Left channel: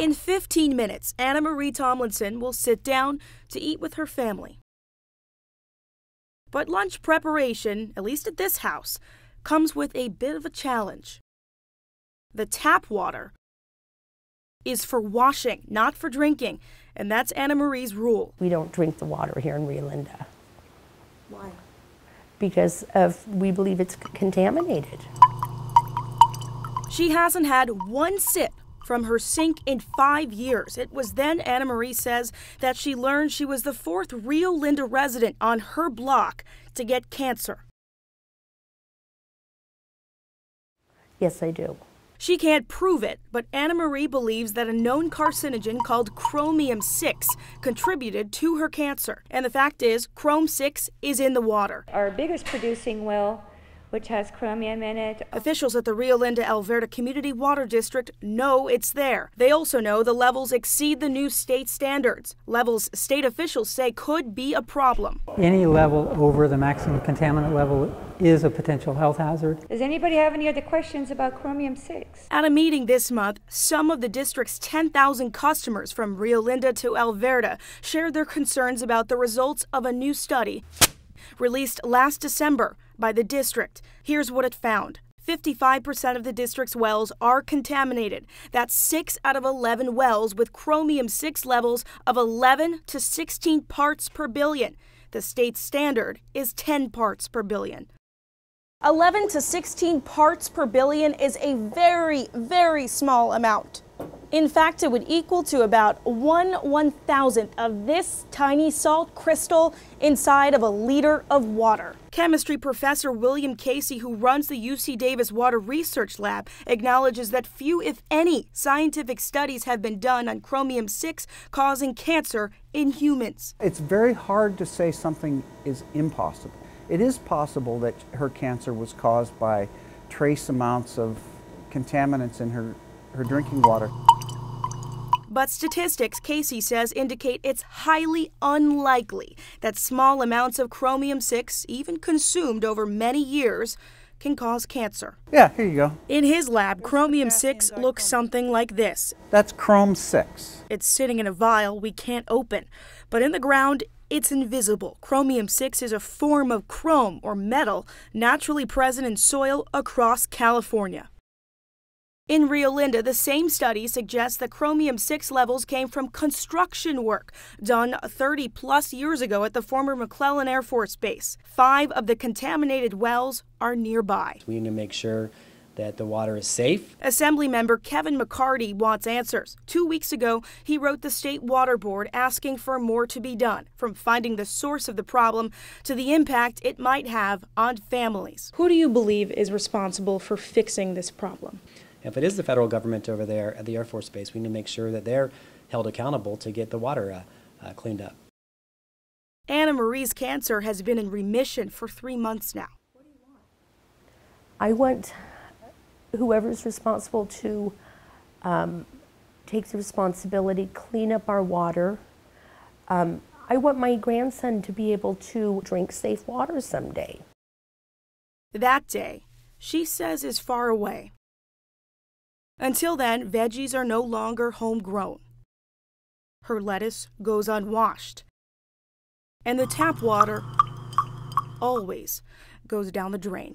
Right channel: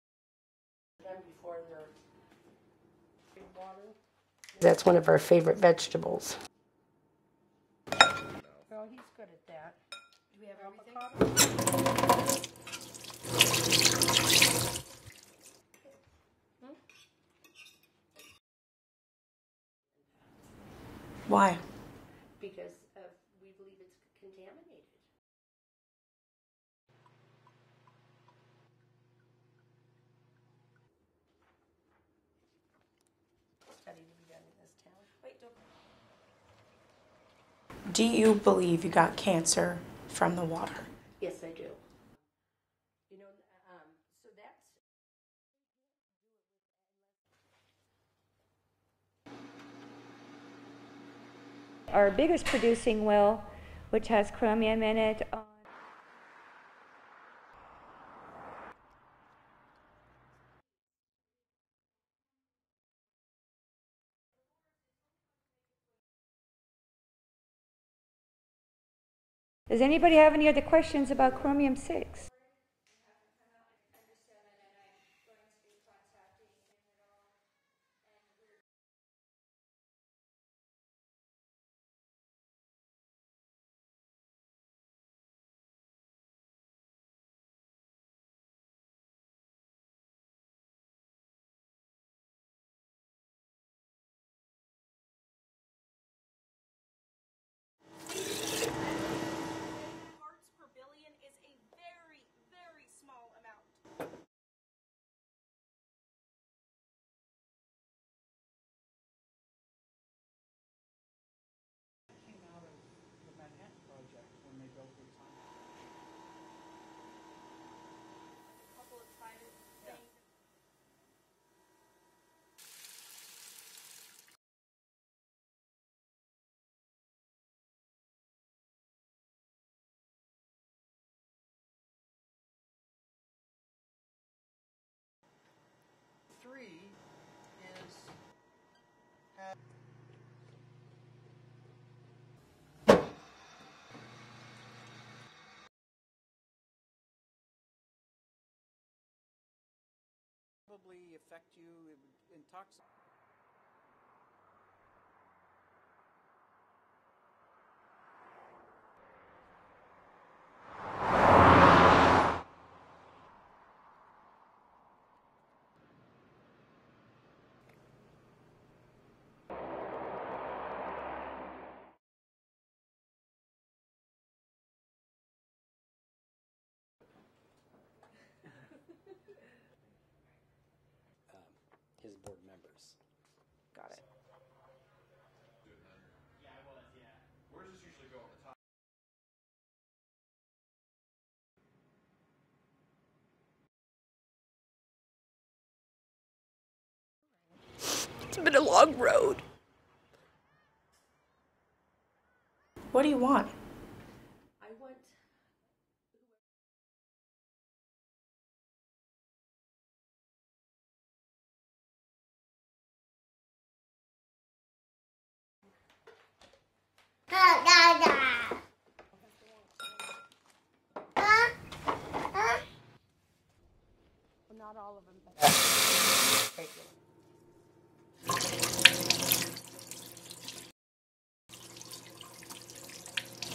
In 15 minutes, Anna Marie Tomlinson will sit down to eat with her family. That's one of our favorite vegetables. But lunch preparation, at least at this house, comes with a bit of a challenge. The tap water is for washing, not for drinking, and that's Anna Marie's rule. We don't drink the water here in Rio Linda. Why? Because we believe it's contaminated. She hasn't had one sip from her sink in 5 years. It was then, Anna Marie says, that she learned she was the 4th Rio Linda resident on her block to get cancer. Do you believe you got cancer from the water? Yes, I do. She can't prove it, but Anna Marie believes that a known carcinogen called Chromium 6 contributed to her cancer. And the fact is, Chrom 6 is in the water. Our biggest producing well, which has chromium in it. Officials at the Rio Linda Alverta Community Water District know it's there. They also know the levels exceed the new state standards, levels state officials say could be a problem. Any level over the maximum contaminant level is a potential health hazard. Does anybody have any other questions about chromium 6? At a meeting this month, some of the district's 10,000 customers from Rio Linda to Alverta shared their concerns about the results of a new study released last December by the district. Here's what it found. 55% of the district's wells are contaminated. That's 6 out of 11 wells with chromium 6 levels of 11 to 16 parts per billion. The state standard is 10 parts per billion. 11 to 16 parts per billion is a very, very small amount. In fact, it would equal to about 1/1000th of this tiny salt crystal inside of a liter of water. Chemistry professor William Casey, who runs the UC Davis Water Research Lab, acknowledges that few, if any, scientific studies have been done on chromium 6 causing cancer in humans. It's very hard to say something is impossible. It is possible that her cancer was caused by trace amounts of contaminants in her drinking water. But statistics, Casey says, indicate it's highly unlikely that small amounts of chromium 6, even consumed over many years, can cause cancer. Yeah, here you go. In his lab, chromium 6 looks something like this. That's Chrom 6. It's sitting in a vial we can't open, but in the ground, it's invisible. Chromium 6 is a form of chrome, or metal, naturally present in soil across California. In Rio Linda, the same study suggests that chromium 6 levels came from construction work done 30+ years ago at the former McClellan Air Force Base. 5 of the contaminated wells are nearby. We need to make sure that the water is safe. Assemblymember Kevin McCarty wants answers. 2 weeks ago, he wrote the State Water Board asking for more to be done, from finding the source of the problem to the impact it might have on families. Who do you believe is responsible for fixing this problem? If it is the federal government over there at the Air Force Base, we need to make sure that they're held accountable to get the water cleaned up. It's been a long road. Anna Marie's cancer has been in remission for 3 months now. What do you want? I want whoever's responsible to take the responsibility, clean up our water. I want my grandson to be able to drink safe water someday. That day, she says, is far away. Until then, veggies are no longer homegrown. Her lettuce goes unwashed. And the tap water always goes down the drain.